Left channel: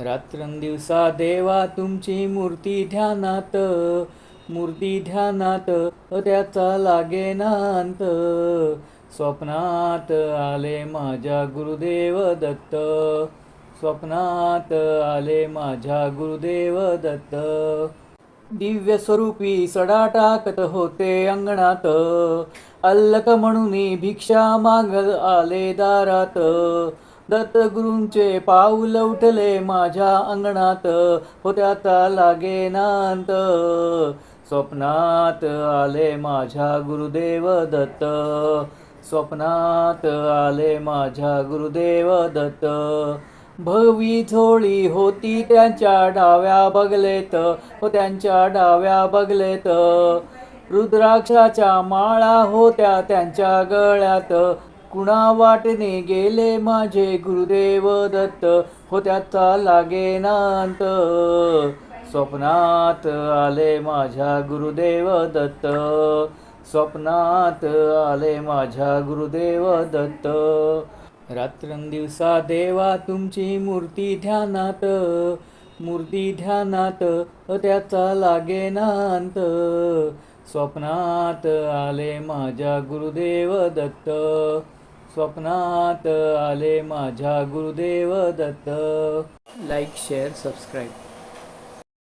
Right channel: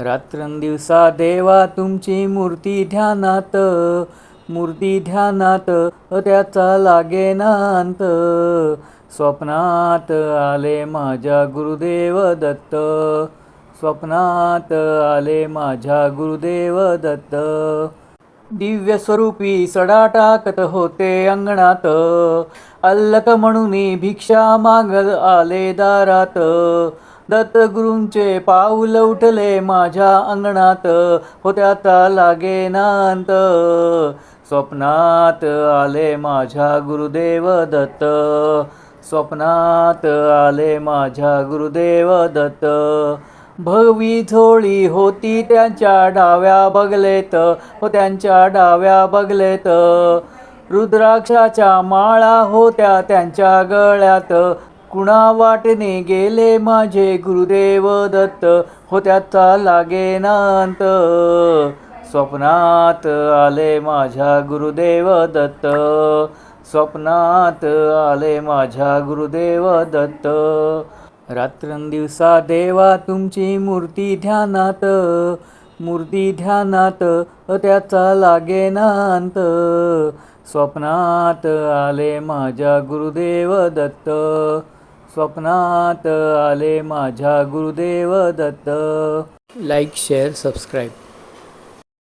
रात्रंदिवसा देवा तुमची मूर्ती ध्यानात, मूर्ती ध्यानात त्याचा लागेना अंत. स्वप्नात आले माझ्या गुरुदेव दत्त, स्वप्नात आले माझ्या गुरुदेव दत्त. दिव्य स्वरूपी सडा टाकत होते अंगणात, अल्लक म्हणून भिक्षा मागत आले दारात. दत्तगुरूंचे पाऊल उठले माझ्या अंगणात, हो त्याचा लागेना अंत. स्वप्नात आले माझ्या गुरुदेव दत्त, स्वप्नात आले माझ्या गुरुदेव दत्त. भगवी झोळी होती त्यांच्या डाव्या बगलेत, हो त्यांच्या डाव्या बगलेत. रुद्राक्षाच्या माळा होत्या त्यांच्या गळ्यात, कुणा वाटेने गेले माझे गुरुदेव दत्त, हो त्याचा लागेना अंत. स्वप्नात आले माझ्या गुरुदेव दत्त, स्वप्नात आले माझ्या गुरुदेव दत्त. रात्रंदिवसा देवा तुमची मूर्ती ध्यानात, मूर्ती ध्यानात त्याचा लागेना अंत. स्वप्नात आले माझ्या गुरुदेव दत्त, स्वप्नात आले माझ्या Gurudev Datta. Like, share, subscribe.